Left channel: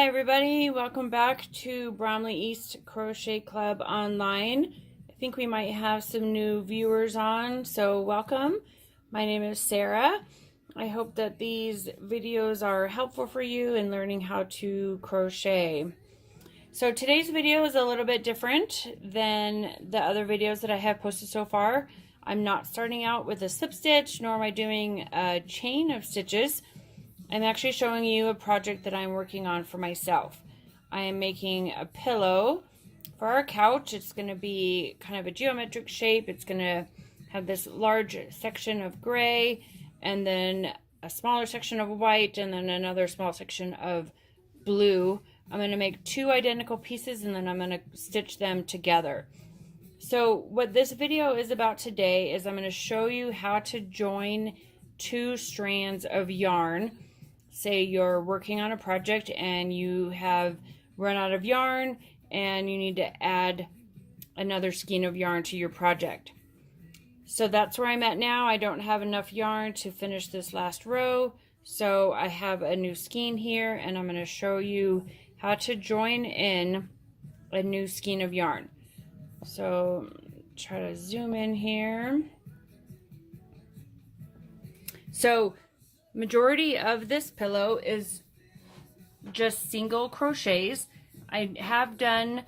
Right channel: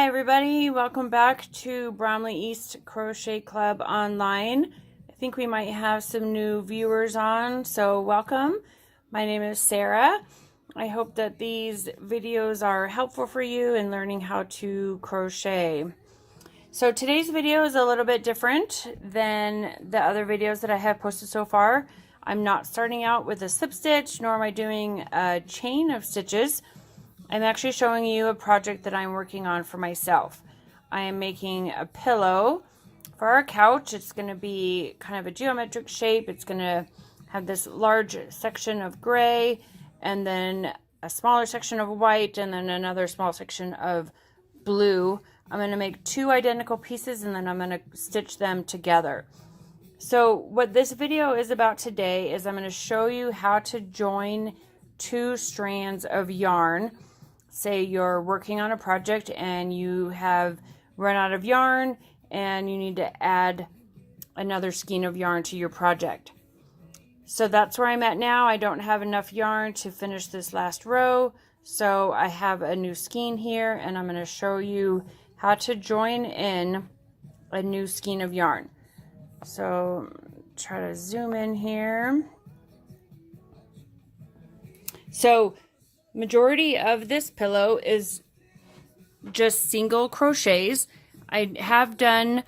Hi everybody, welcome back to Bromley East Crochet Club Online. I think we might have some new viewers on, so welcome. My name is Sarah. I hope that these videos are helpful for you in learning how to crochet. So today's video is a little bit different than the other videos that I have posted so far. I'm not starting out with a slip stitch, nor am I doing a chain of stitches. I'm actually showing you a project that I'm working on for myself. I am making a pillow for our couch. It's going to be kind of a geometric shape. It's going to have this large section of gray and then a smaller section of white and then another small section of blue. I'm going to make two identical pieces and then I'm going to stitch them together. So what this video is about today is I'm going to show you how to join two strands of yarn. Say you're working on a project and you have run out of yarn and you need to add another skein of yarn to your project. So that's where I'm at now. I don't have enough yarn to finish this last row, so I have a new skein here and I'm going to show you how to join in a new skein of yarn. So try to zoom in here. So majority of this pillow is just single crochets. I have done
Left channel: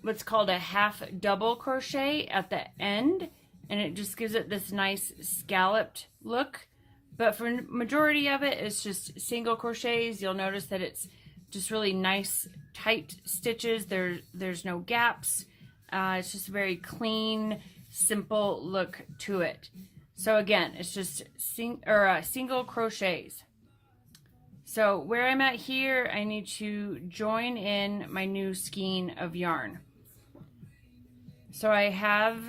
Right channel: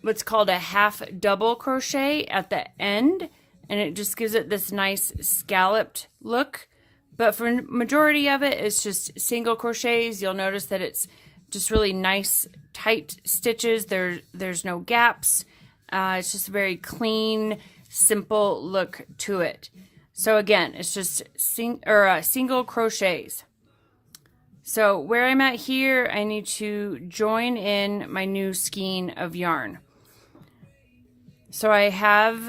what's called a half double crochet at the end, and it just gives it this nice scalloped look. But for majority of it, it's just single crochets. You'll notice that it's just really nice tight stitches. There's no gaps. It's just a very clean, simple look to it. So again, it's just single crochets. So where I'm at here, I need to join in my new skein of yarn. So I have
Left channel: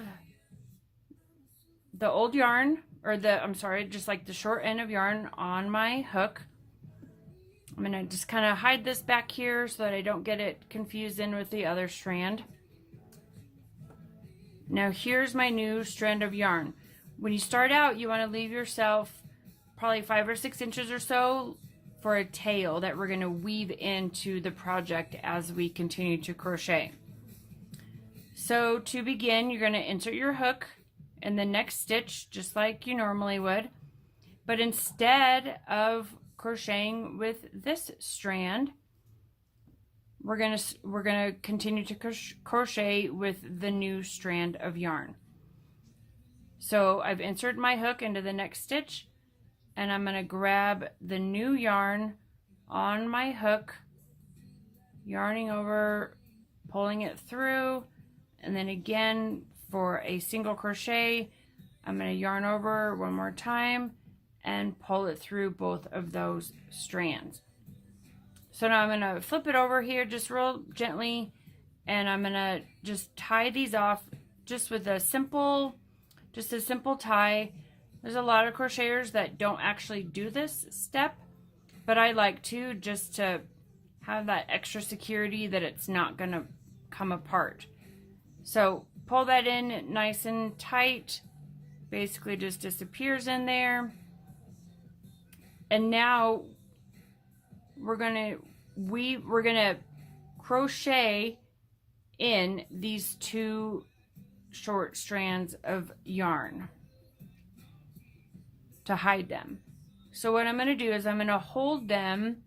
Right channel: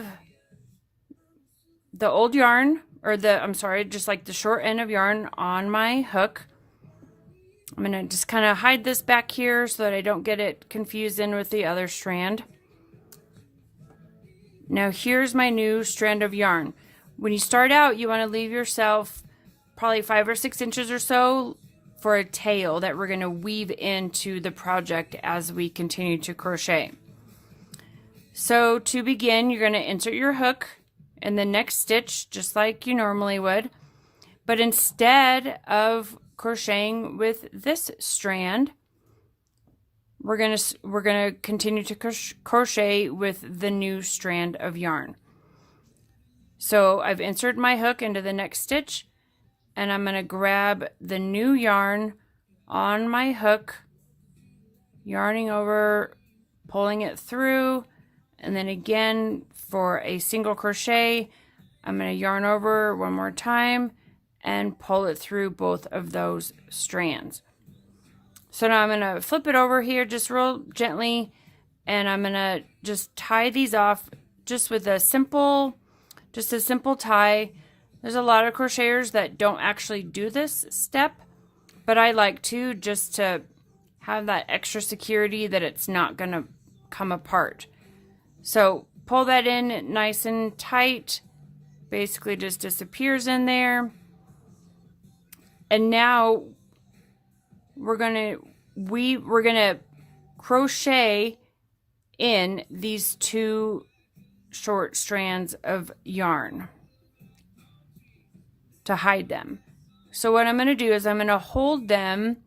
the old yarn, or just like the short end of yarn on my hook. I'm gonna just kind of hide this back here so that I don't get it confused in with the other strand. Now here's my new strand of yarn. When you start out, you want to leave yourself probably 5 or 6 inches or so for a tail that we're going to weave into the project as we continue to crochet. So to begin, you're going to insert your hook in the next stitch just like you normally would, but instead of crocheting with this strand, we're going to continue to crochet with the new strand of yarn. So I've inserted my hook into the next stitch and I'm going to grab the new yarn on my hook, yarning over, pulling it through, and then again for a single crochet, I'm going to yarn over one more time and pull it through both of those strands. So now I'm going to flip it over here just real gently and I'm going to just tie these off just with a simple tie. There's a lot of crocheters that don't actually do this step, but I like to, just to have that extra security that it's not gonna come apart. So pull that in nice and tight, basically just disappears in there. And now we're gonna crochet in these two short strands of yarn to hide them. So what I'm going to do is I'm going to hold them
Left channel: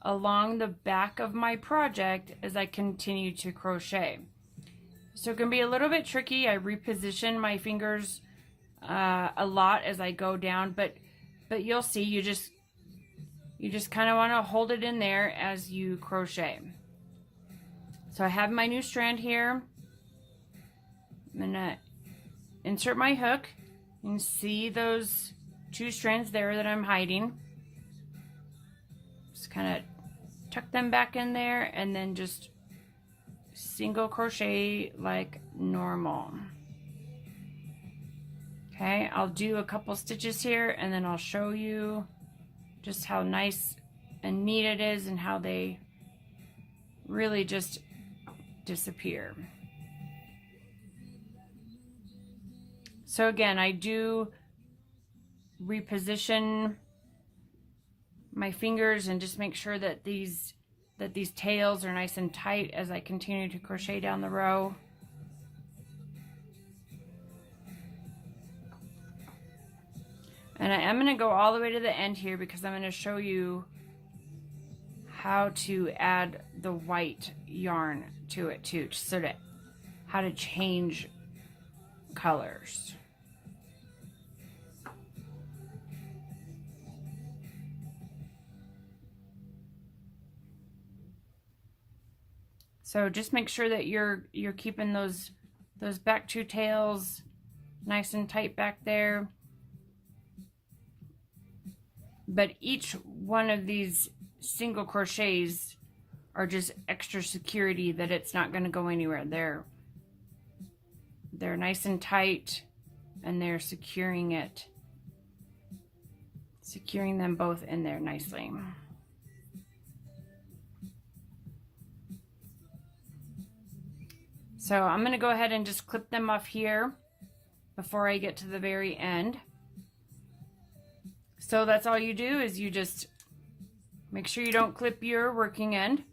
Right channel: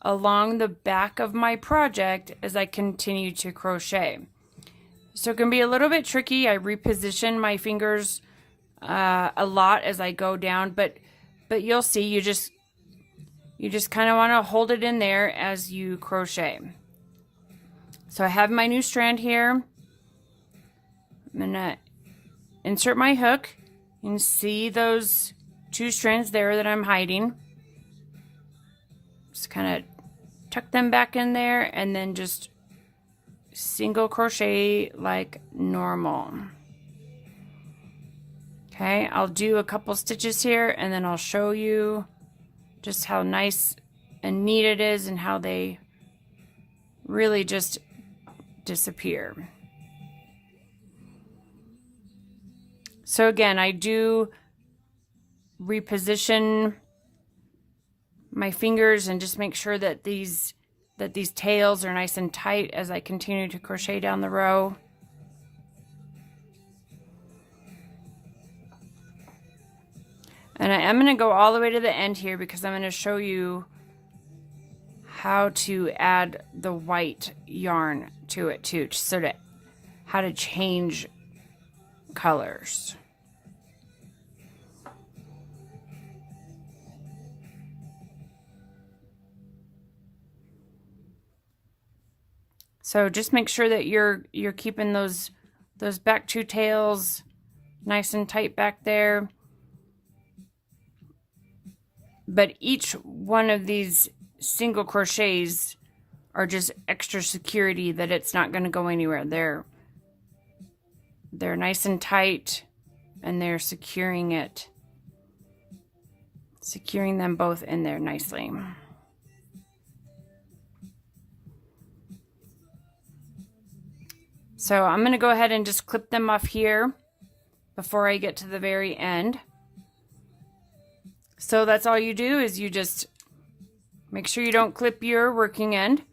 along the back of my project as I continue to crochet. So it can be a little bit tricky. I reposition my fingers a lot as I go down, but you'll see, you just kind of want to hold it in there as you crochet. So I have my new strand here. I'm going to insert my hook and see those two strands there that I'm hiding. Just kind of tuck them back in there and then just single crochet like normal. Okay, I'll do a couple stitches here and then I'll show you just how nice and neat it is and how they really just disappear. So again, I do reposition my fingers and just make sure that these that these tails are nice and tight as I continue to crochet down the row. And I am going to go all the way to the end here because I'm going to show you how to add the white yarn to it too, so that how to change colors. So just make sure that you're keeping those back two tails nice and tight back there. But each one of these single crochets are just extra security that it's not going to go anywhere. They're nice and tight, and they're securing them both in there nicely. So I'm going to go ahead and just clip them off here before I get to the very end. So that's all you do, is you just make sure you don't clip your working end.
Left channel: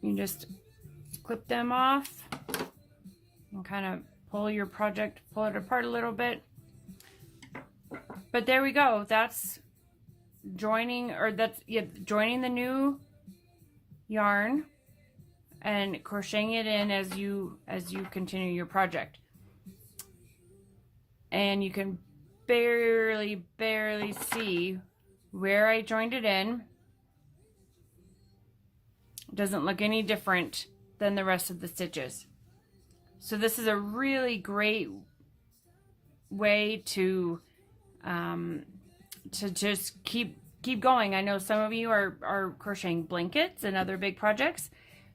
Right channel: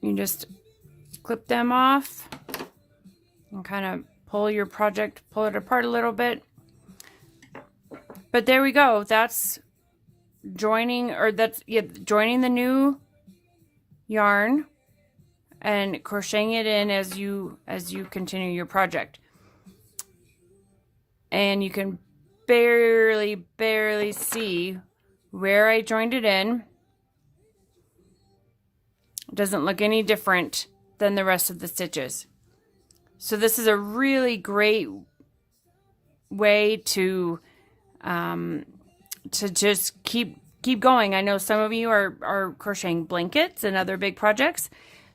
You just clip them off and kind of pull it apart a little bit. But there we go. That's joining the new yarn and crocheting it in as you continue your project. And you can barely see where I joined it in. It doesn't look any different than the rest of the stitches. So this is a really great way to just keep going. I know some of you are crocheting blankets and other big projects,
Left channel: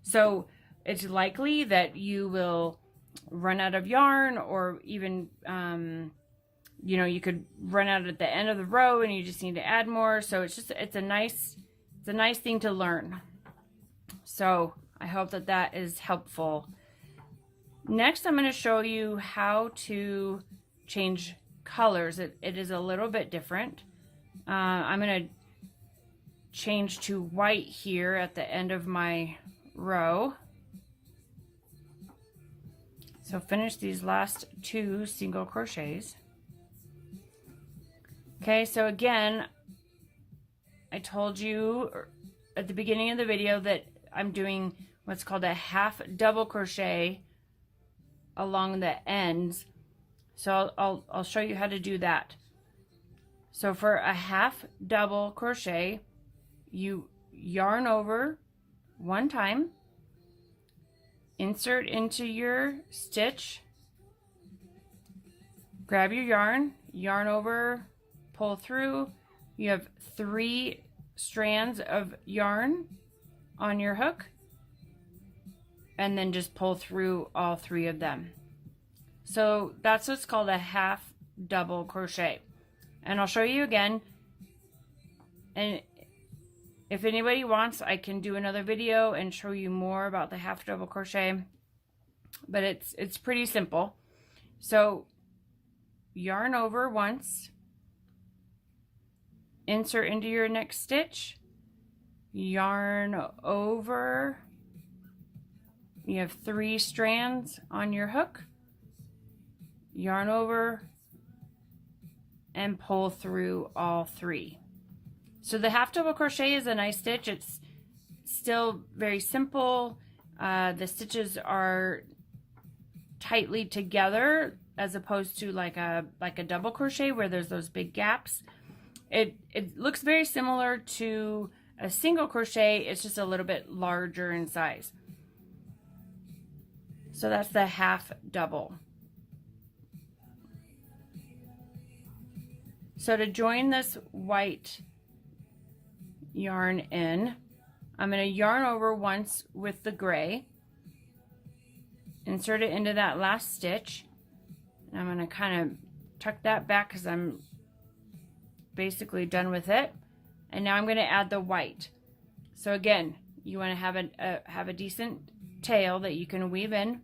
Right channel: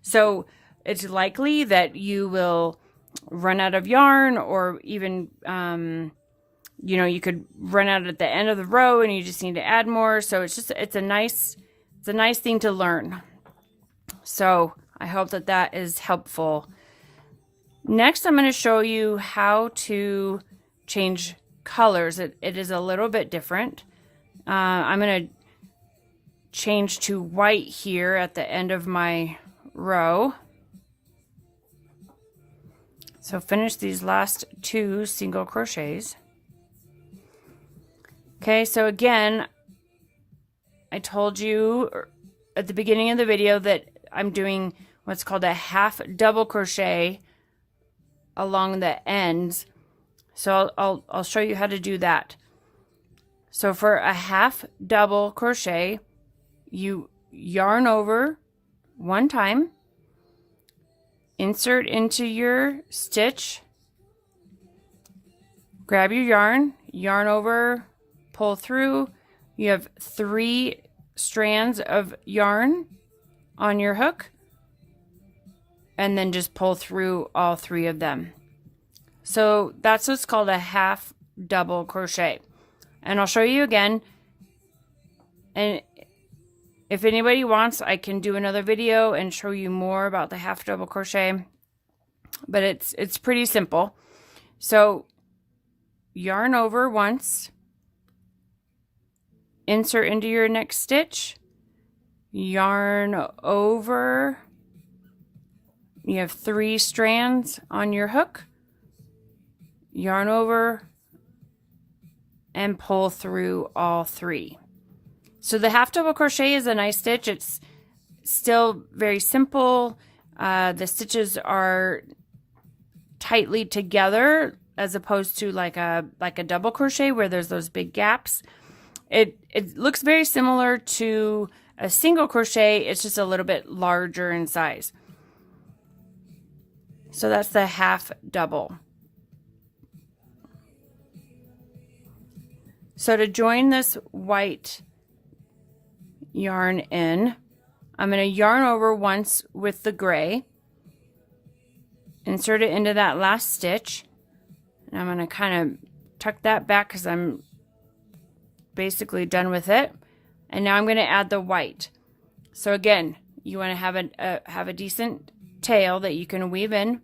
so it's likely that you will run out of yarn, or even you know, you could run out at the end of the row and you just need to add more. So it's a nice thing to learn. So I hope that is helpful. Next, I'm going to show you how to change colors. It is a little bit different. I'm going to change to white here at the end of my row. So finish these last two single crochets. Okay, so again, I told you at the beginning of the video that I'm doing what's called a half double crochet along the ends. So I'll show you how to do that. So for a half double crochet, you yarn over one time, insert into your stitch, grab your yarn over, pull through. You have 3 strands of yarn on your hook, and then just pull through all 3 of them. So that's what's called a half double crochet. And I'll show you again. And if anybody wants, I can do another video and show you more about the half double crochet. But it's pretty simple. So yarn over once, insert into your next stitch, yarn over. You have 3 strands on your hook, yarn over, and pull through all 3. So the half double crochet is a nice stitch. It's still very simple. The stitches are tightly together as opposed to like a double crochet where there's those big gaps. It looks very similar to a single crochet. It's just a little bit larger in size. So that's the half double. So to join this white yarn in, I'm going to yarn over once with the gray, insert it into that last stitch, and I'm going to kind of tuck that back because I'm basically done with it. And now I'm going to add the white. So again, you want to have a decent tail that you can weave in.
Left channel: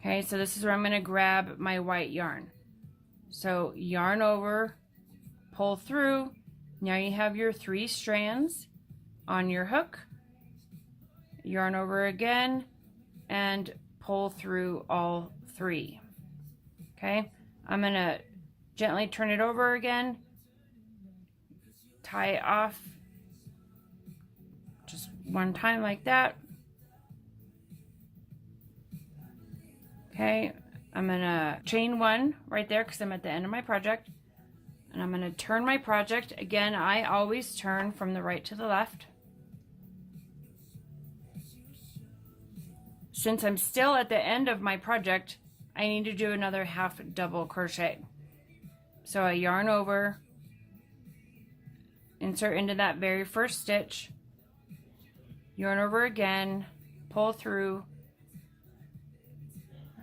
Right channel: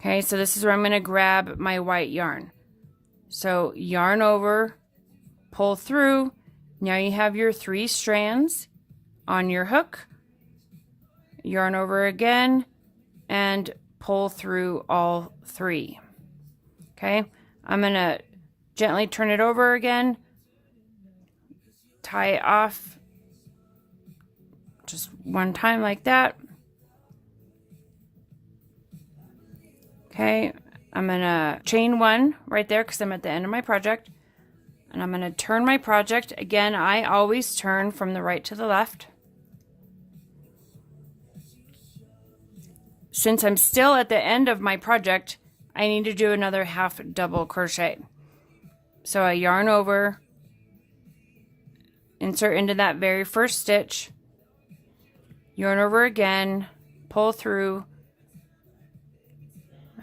Okay, so this is where I'm going to grab my white yarn. So yarn over, pull through, Now you have your 3 strands on your hook. Yarn over again and pull through all 3. Okay, I'm gonna gently turn it over again, tie it off just one time like that. Okay, I'm gonna chain 1 right there because I'm at the end of my project, and I'm gonna turn my project. Again, I always turn from the right to the left. Since I'm still at the end of my project, I need to do another half double crochet. So I yarn over, insert into that very first stitch, yarn over again, pull through.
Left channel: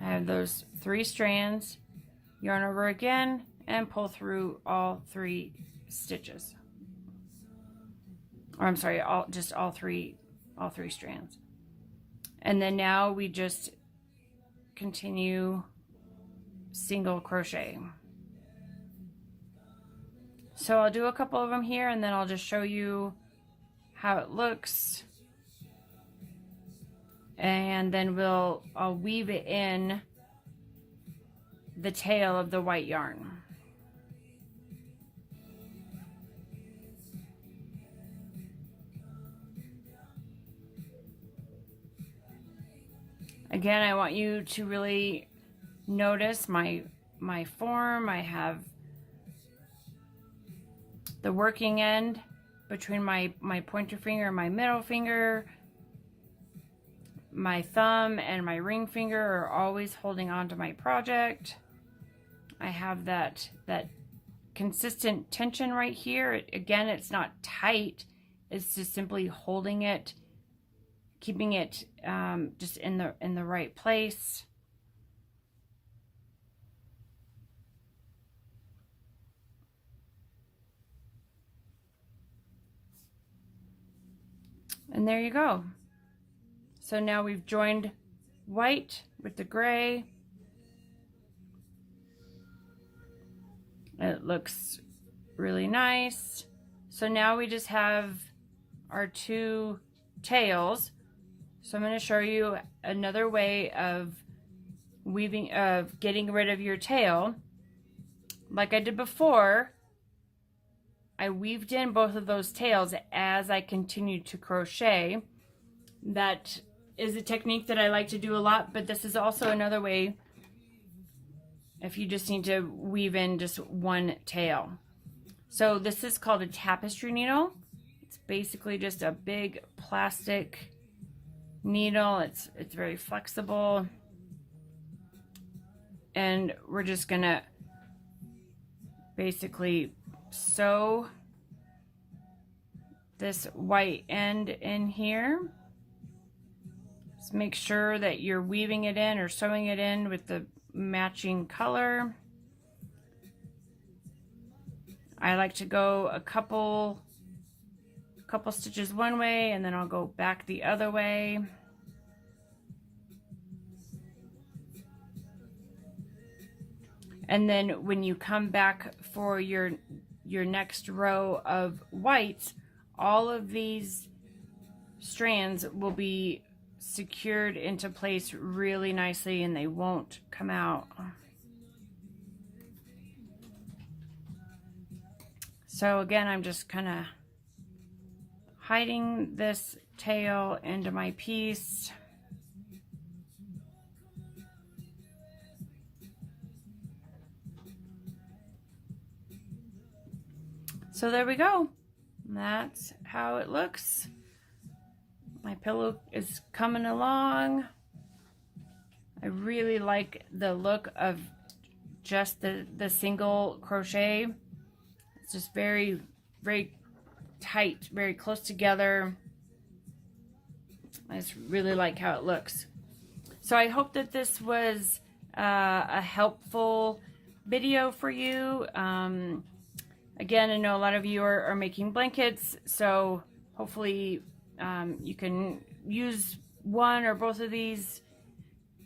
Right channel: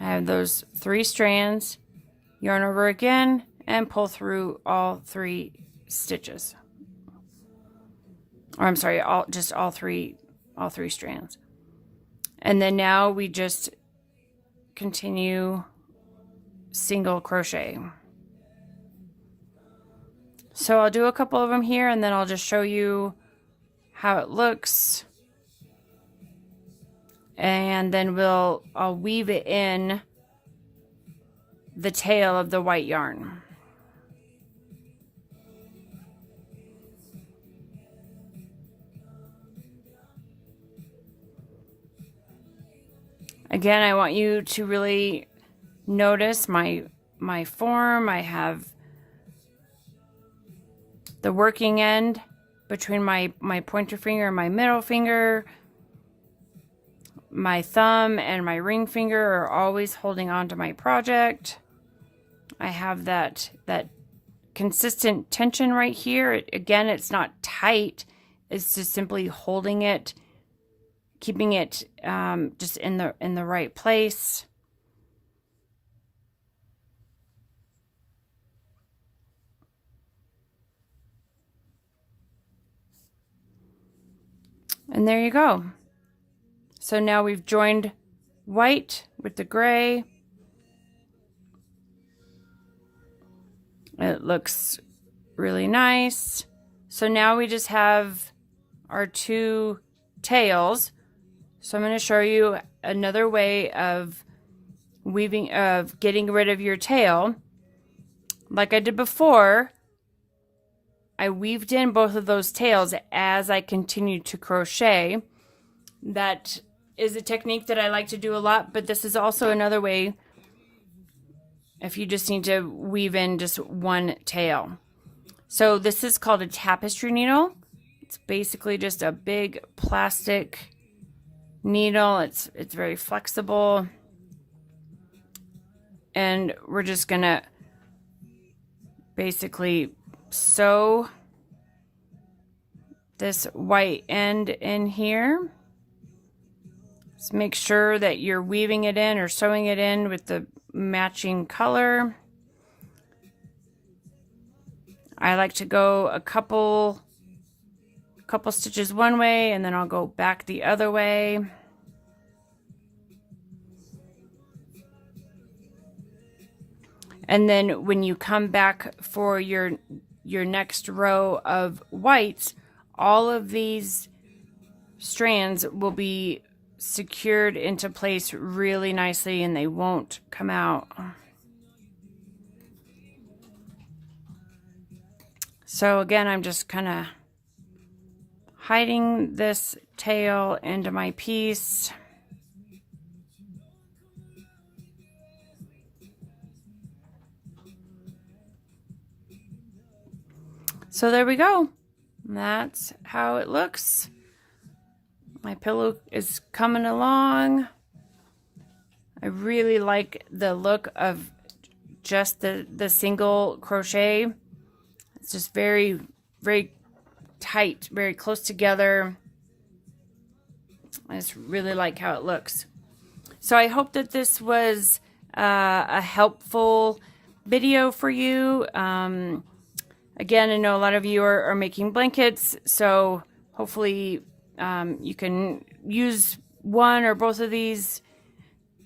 I have those 3 strands, yarn over again, and pull through all 3 stitches. Or I'm sorry, all 3 strands. And then now we just continue single crochet. So I'll do a couple of them here, and then I'll just show you how it looks. And then I'll weave it in the tail of the white yarn. Again, I want you to really notice my form. I have the working end between my pointer finger and my middle finger. My thumb and my ring finger are always holding on to my project. I have that consistent tension right here. Again, it's not tight. It's just simply holding it, keeping it just in the right place. And there you go. So now we've joined white with the gray. It looks really nice. So now we just have our 2 tails. So I'm going to show you another way of getting rid of your tail. Like I did before, I weaved in both of those tails as I continued to crochet. That is a technique that I like to do a lot, but this is also another way if you just need to weave in just one tail. So this is called a tapestry needle. It's basically just a big plastic needle. It's very flexible, and we're just gonna basically sew this white end in here. Just make sure that you're weaving it in or sewing it in with the matching color. I like to go a couple stitches one way, and then I'll go back the other way. And then when you come back for your next row of whites, all of these strands will be secured into place really nicely, and they won't come out. So again, I'm just kind of hiding this tail into my piece. So there we go. That's how it looks. My pillow is coming along. I really like the look of just the single crochet. It's just very, very tight, very close together. I just really like how it looks. So I hope that this was a helpful video for you. Again, I know a lot of you are making blankets, so hopefully you can use one or both of these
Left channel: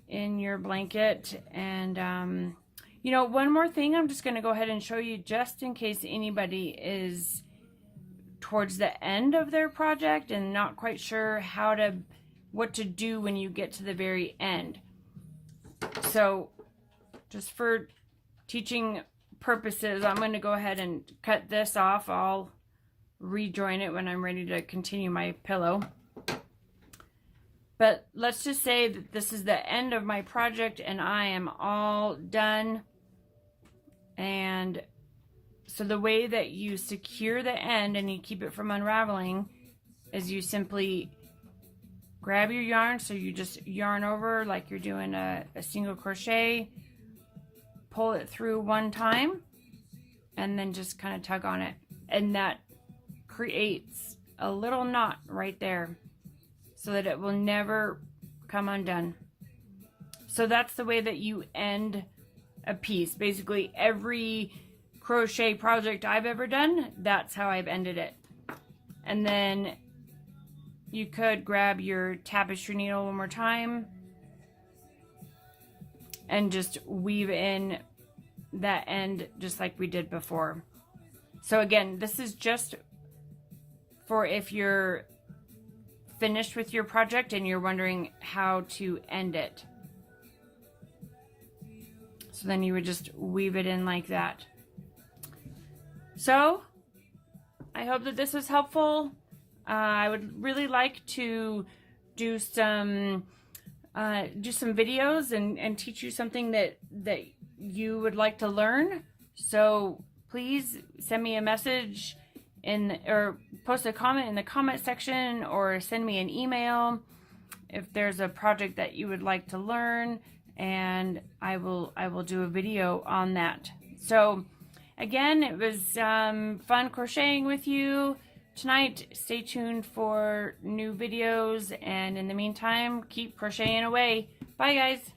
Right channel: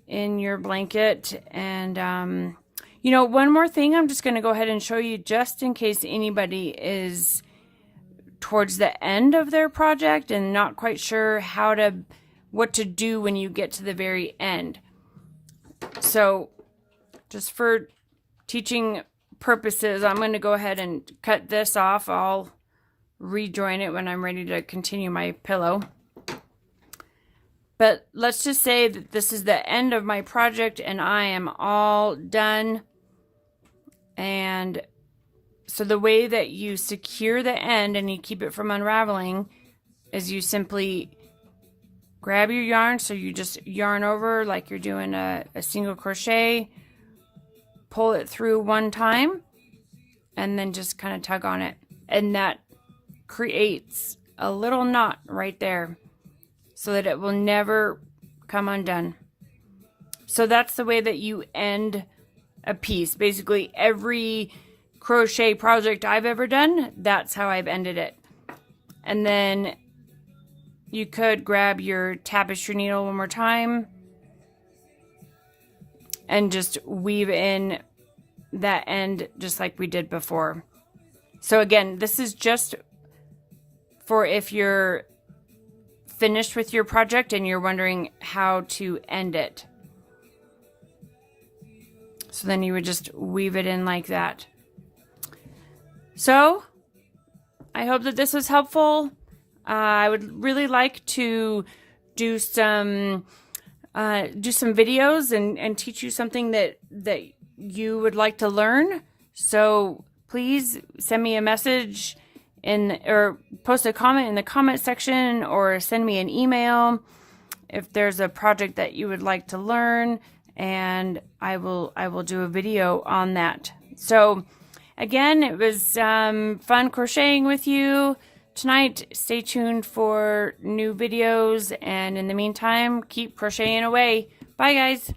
in your blanket. And you know, one more thing I'm just going to go ahead and show you, just in case anybody is towards the end of their project and not quite sure what to do when you get to the very end. So just for teaching purposes, I'm going to go ahead and cut this off. I'll rejoin it when I'm ready to continue my pillow. But let's just say that this is the end of my project and I am all done. And so the way that you secure the end and you keep it from unraveling is you simply grab your yarn. So you just yarn over like you're doing a single crochet, pull it through one time, and then just kind of tug on it. And that creates a little knot right there so that it will never come undone. So that's the way that you end a piece. Basically, every crochet project I've ever done, that's how I've ended it. And then you could grab your tapestry needle one more time and just weave in that end just like we did before. So again, this is just for if you're finished with your project and you're wondering how to end it. So then you would just weave it in like that. So I hope that this was helpful. I would really like to do some videos and teach you something that you would like to learn. So please send me a message or post a comment in the comment section, or send me an email if there's a project that you would like to learn, and I will do a video on that. So again, it was fun crocheting with you tonight. Stay tuned for new videos, and in the meantime, keep crocheting away. Bye guys.